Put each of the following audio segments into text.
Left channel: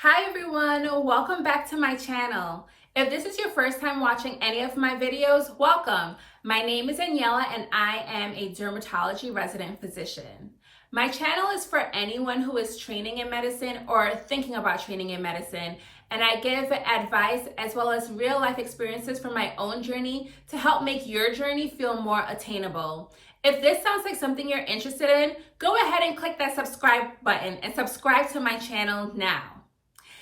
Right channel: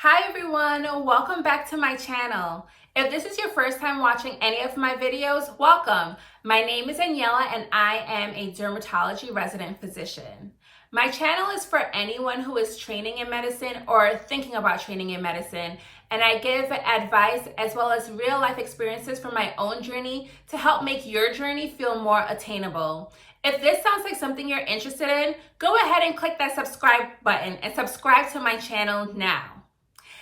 Hi everyone, welcome back to my channel. If this is your first time watching any of my videos, welcome. My name is Daniela and I am a dermatology resident physician. My channel is for anyone who is training in medicine or thinking about training in medicine, and I give advice as well as real life experiences from my own journey to help make your journey feel more attainable. If this sounds like something you're interested in, go ahead and click that subscribe button and subscribe to my channel now.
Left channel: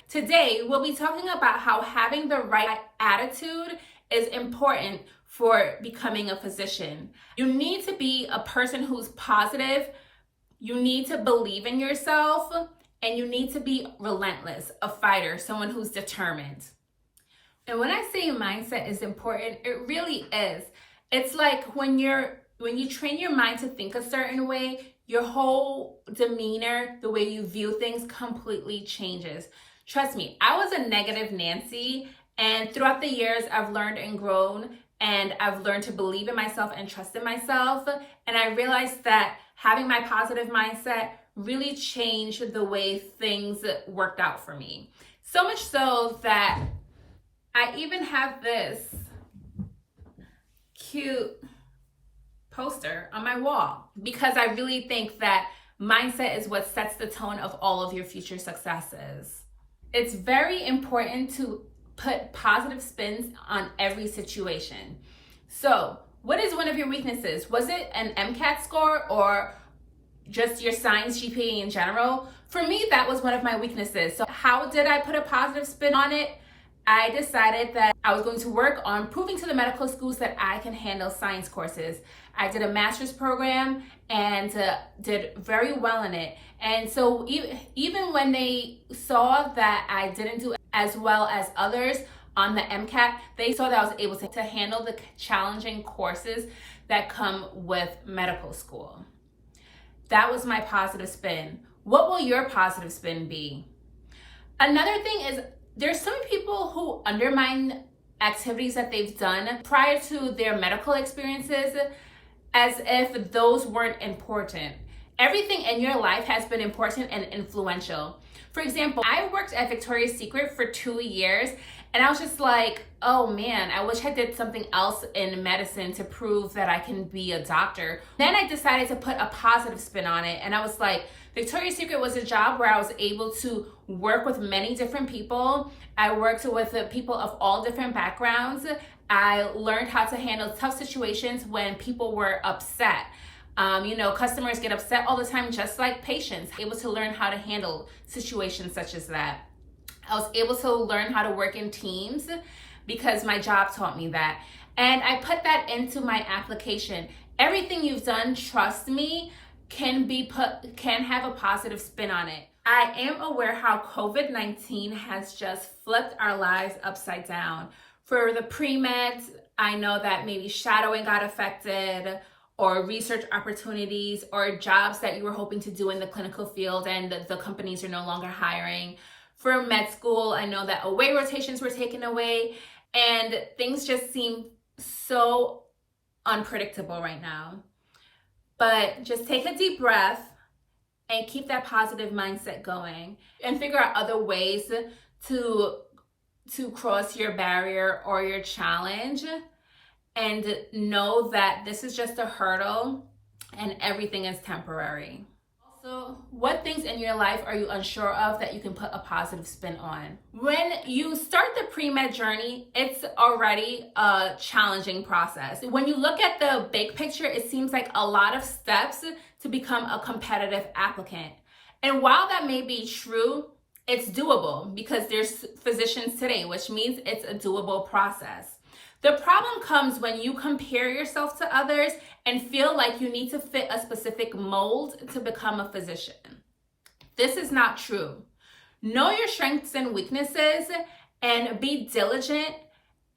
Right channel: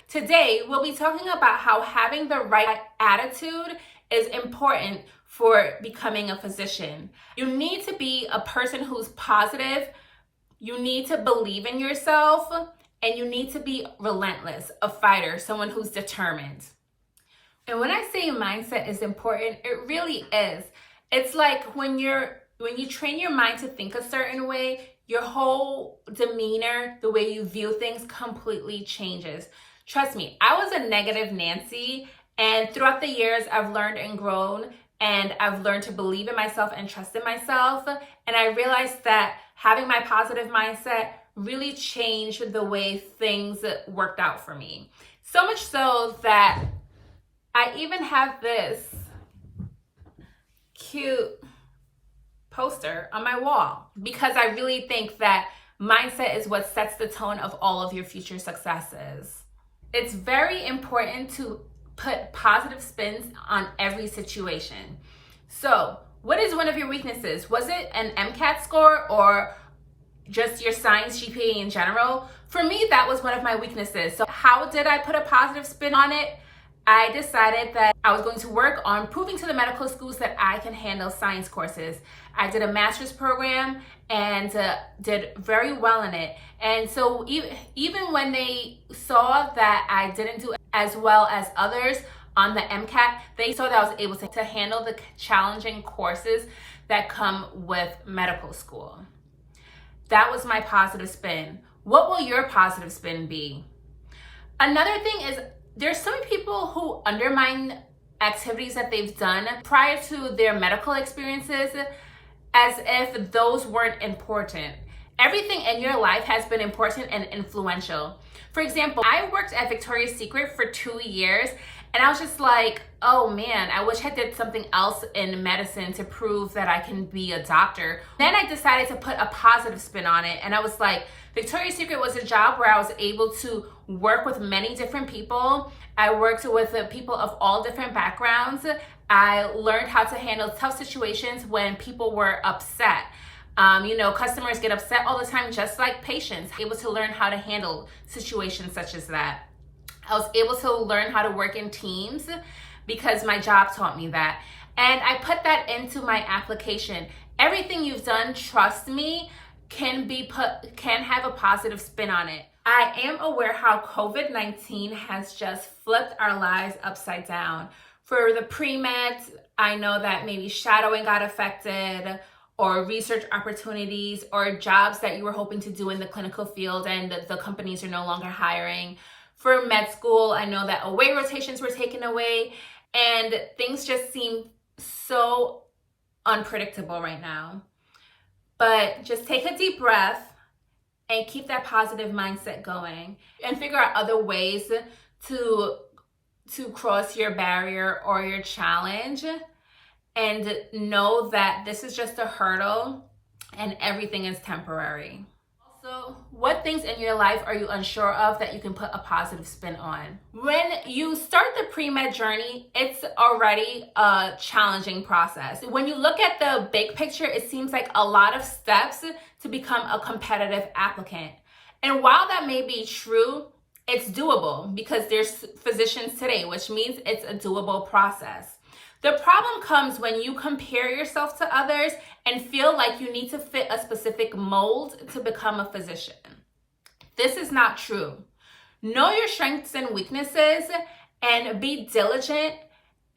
Today, we'll be talking about how having the right attitude is important for becoming a physician. You need to be a person who's positive, you need to believe in yourself, and you need to be relentless, a fighter, someone who's determined. And when I say mindset is important, it really is. It's like when you train your mind to think a certain way, your whole demeanor, the way you view things completely changes. Trust me, I was a negative Nancy, and throughout the years, I've learned and grown, and I've learned to believe in myself and trust in myself. And I realized that having my positive mindset really changed the way things worked out for me. So much so that I even have this cute poster on my wall because I really think that mindset is what sets the tone of all of your future successes. It's very important to put positive spins on every situation. So, what is one of your weaknesses? Was it an MCAT score or just your science GPA in general? For me, that was one of my weaknesses. So how did I put a positive spin on it? I decided that I was going to work on proving to the medical schools that I can handle science courses. I did a master's program and did very well in it. And so even when they saw that I didn't do as well as others on the MCAT, they saw that I was able to handle the challenging courses that come with medical school. That was my positive spin. What will your positive spin be? Another thing is, there's some people who undermine activities that they've done prior to their medical experiences as if those weren't important. Everything in your life has been important and influential. For example, I worked at Victoria's Secret for 2 years, and I was just like, oh man, I wish I did something else in medicine to prove that I can be a doctor. Then I decided to put a positive spin on it, and I was like, Victoria's Secret was a job where I was able to work with many different people. I worked with people of all different backgrounds. I learned how to handle tough situations when people were upset. Customers get upset all the time, just like patients. Able to learn how to handle situations such as that. I was able to learn how to work in teams because my job taught me that. And I put that into my application. Everything you've done, trust me, can have a positive spin on it. I am aware how COVID-19 has just flipped our lives upside down. For the pre-meds, I know that maybe shadowing got affected, or research opportunities, or jobs that you were hoping to do in the clinical field and the companies are no longer hiring. For med school, I know that away rotations were taken away, and things just seem so unpredictable right now. But just take a deep breath and keep that positive mindset going and figure out other ways to cross your barrier or your challenge, and know that this is just a hurdle and everything is temporary. Also, what things in your life are you unsure of that you can put a positive spin on? When you start the pre-med journey, it's already a challenging process. When you look at the big picture, it seems like a lot of steps to become a competitive applicant. And while that may be true, it's doable because there's physicians today, which means it's a doable process. The problem comes when you compare yourself to others and feel like you need to fit a specific mold to become a physician. This is not true. Know your strengths and weaknesses and be diligent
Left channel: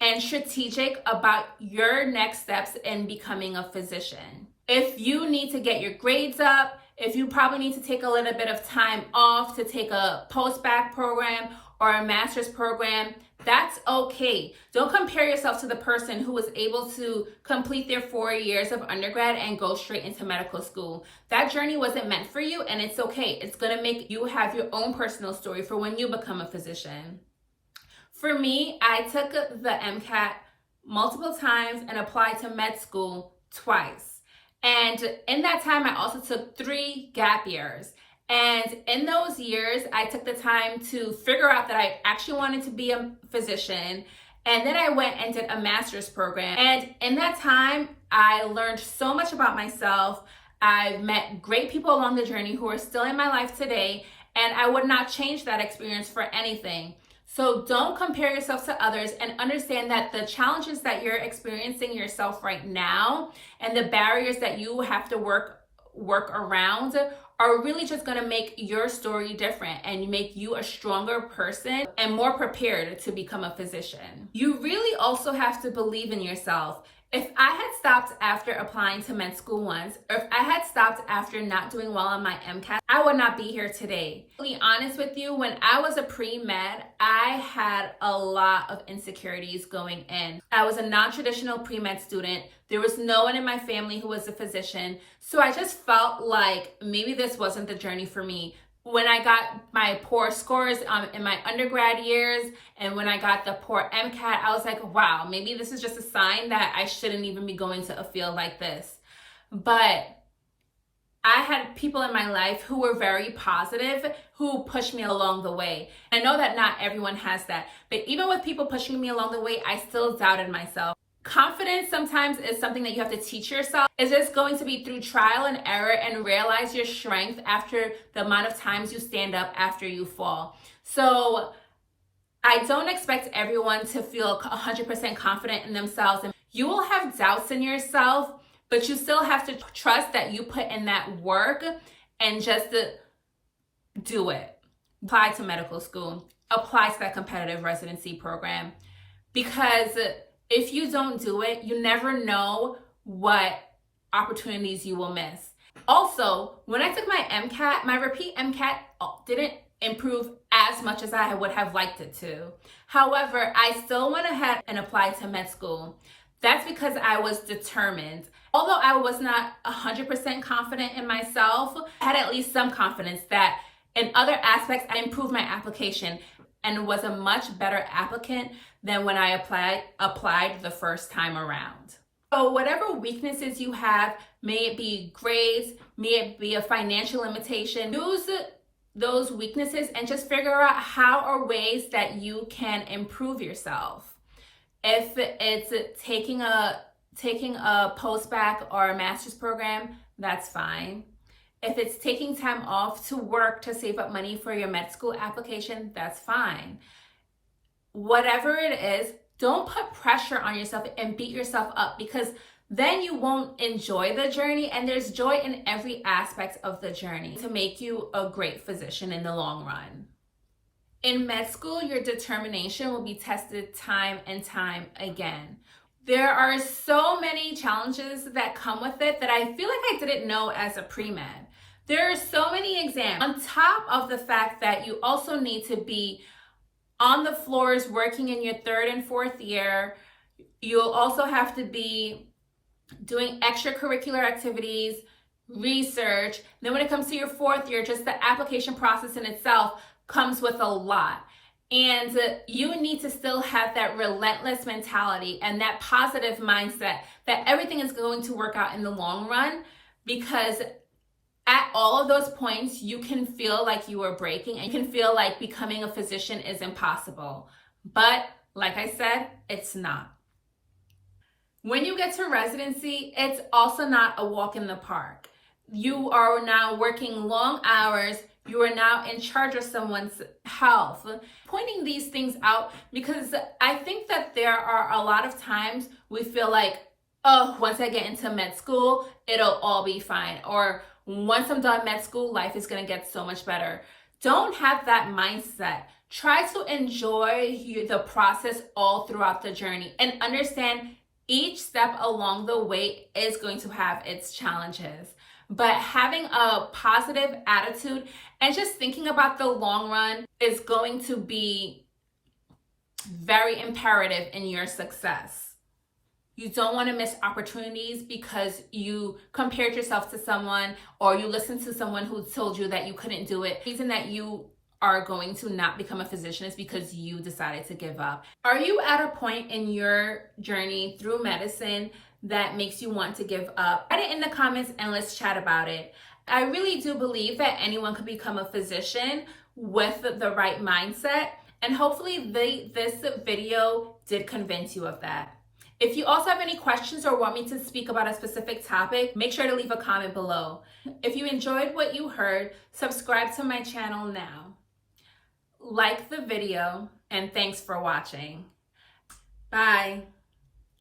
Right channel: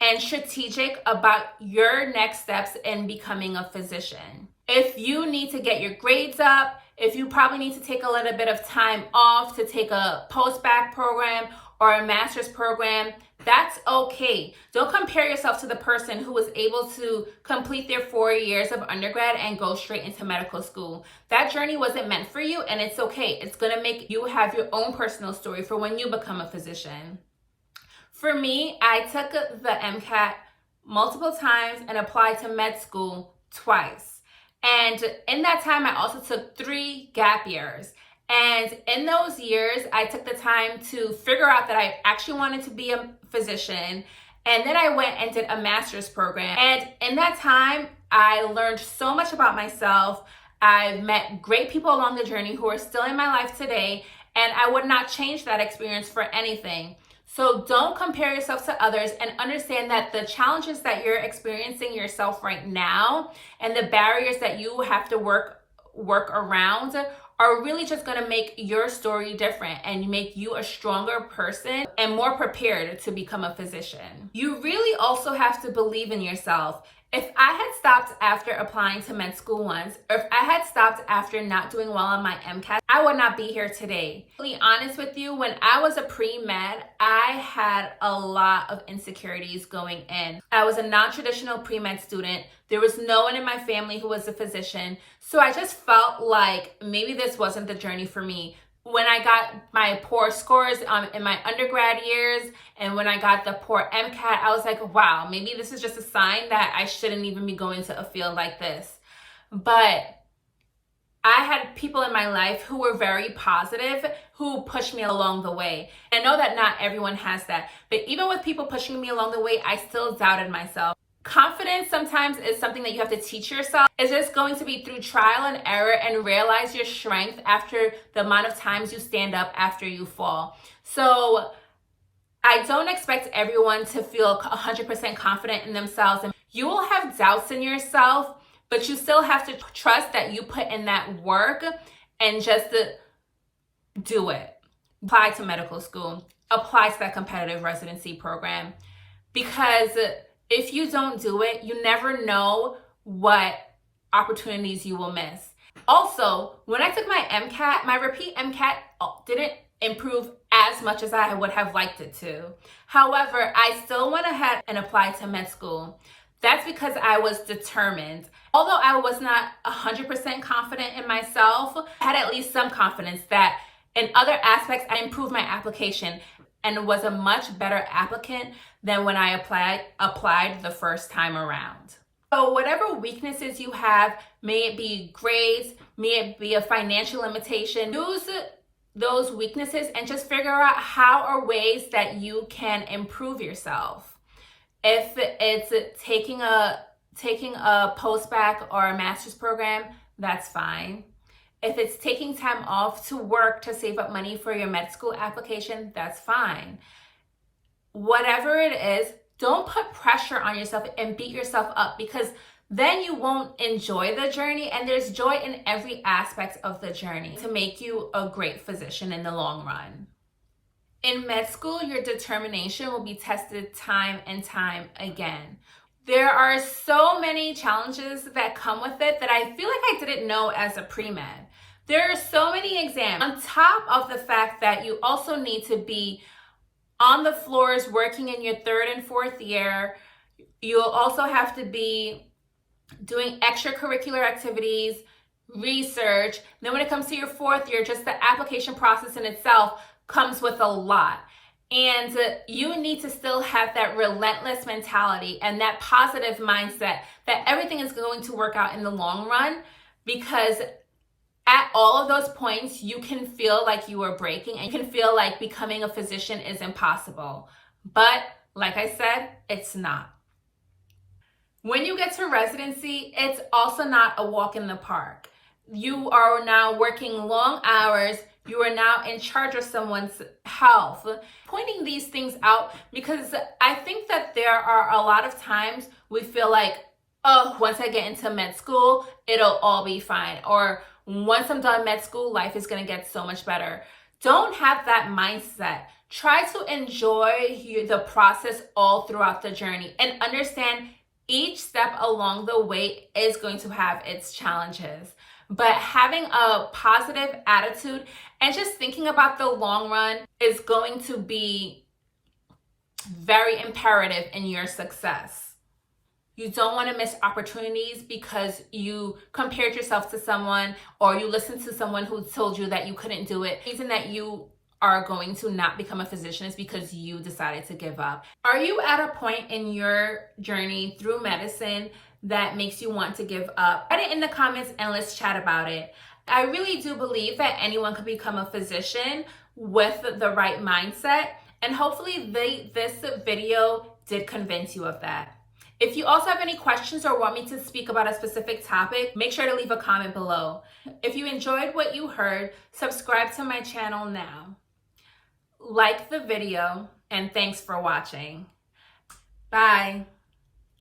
and strategic about your next steps in becoming a physician. If you need to get your grades up, if you probably need to take a little bit of time off to take a post-bac program, or a master's program, that's okay. Don't compare yourself to the person who was able to complete their 4 years of undergrad and go straight into medical school. That journey wasn't meant for you, and it's okay. It's gonna make you have your own personal story for when you become a physician. For me, I took the MCAT multiple times and applied to med school twice. And in that time, I also took 3 gap years. And in those years, I took the time to figure out that I actually wanted to be a physician. And then I went and did a master's program. And in that time, I learned so much about myself. I met great people along the journey who are still in my life today. And I would not change that experience for anything. So don't compare yourself to others, and understand that the challenges that you're experiencing yourself right now and the barriers that you have to work around are really just going to make your story different and make you a stronger person and more prepared to become a physician. You really also have to believe in yourself. If I had stopped after applying to med school once, or if I had stopped after not doing well on my MCAT, I would not be here today. To be honest with you, when I was a pre-med, I had a lot of insecurities going in. I was a non-traditional pre-med student. There was no one in my family who was a physician. So I just felt like maybe this wasn't the journey for me. When I got my poor scores in my undergrad years, and when I got the poor MCAT, I was like, wow, maybe this is just a sign that I shouldn't even be going to a field like this. But I had people in my life who were very positive, who pushed me along the way. I know that not everyone has that, but even with people pushing me along the way, I still doubted myself. Confidence sometimes is something that you have to teach yourself. Is this going to be through trial and error and realize your strength after the amount of times you stand up after you fall? So I don't expect everyone to feel 100% confident in themselves. And you will have doubts in yourself, but you still have to trust that you put in that work and just do it. Apply to medical school. Apply to that competitive residency program. Because if you don't do it, you never know what opportunities you will miss. Also, when I took my MCAT, my repeat MCAT didn't improve as much as I would have liked it to. However, I still went ahead and applied to med school. That's because I was determined. Although I was not 100% confident in myself, I had at least some confidence that in other aspects, I improved my application and was a much better applicant than when I applied the first time around. So whatever weaknesses you have, may it be grades, may it be a financial limitation, use those weaknesses and just figure out how are ways that you can improve yourself. If it's taking a post-bac or a master's program, that's fine. If it's taking time off to work to save up money for your med school application, that's fine. Whatever it is, don't put pressure on yourself and beat yourself up, because then you won't enjoy the journey, and there's joy in every aspect of the journey to make you a great physician in the long run. In med school, your determination will be tested time and time again. There are so many challenges that come with it that I feel like I didn't know as a pre-med. There are so many exams. On top of the fact that you also need to be on the floors working in your 3rd and 4th year, you'll also have to be doing extracurricular activities, research. Then when it comes to your 4th year, just the application process in itself comes with a lot. And you need to still have that relentless mentality and that positive mindset that everything is going to work out in the long run, because at all of those points, you can feel like you are breaking and you can feel like becoming a physician is impossible. But like I said, it's not. When you get to residency, it's also not a walk in the park. You are now working long hours. You are now in charge of someone's health. Pointing these things out because I think that there are a lot of times we feel like, oh, once I get into med school, it'll all be fine. Or once I'm done med school, life is going to get so much better. Don't have that mindset. Try to enjoy the process all throughout the journey and understand each step along the way is going to have its challenges. But having a positive attitude and just thinking about the long run is going to be very imperative in your success. You don't want to miss opportunities because you compared yourself to someone or you listened to someone who told you that you couldn't do it. The reason that you are going to not become a physician is because you decided to give up. Are you at a point in your journey through medicine that makes you want to give up? Write it in the comments and let's chat about it. I really do believe that anyone could become a physician with the right mindset, and hopefully this video did convince you of that. If you also have any questions or want me to speak about a specific topic, make sure to leave a comment below. If you enjoyed what you heard, subscribe to my channel now. Like the video, and thanks for watching. Bye.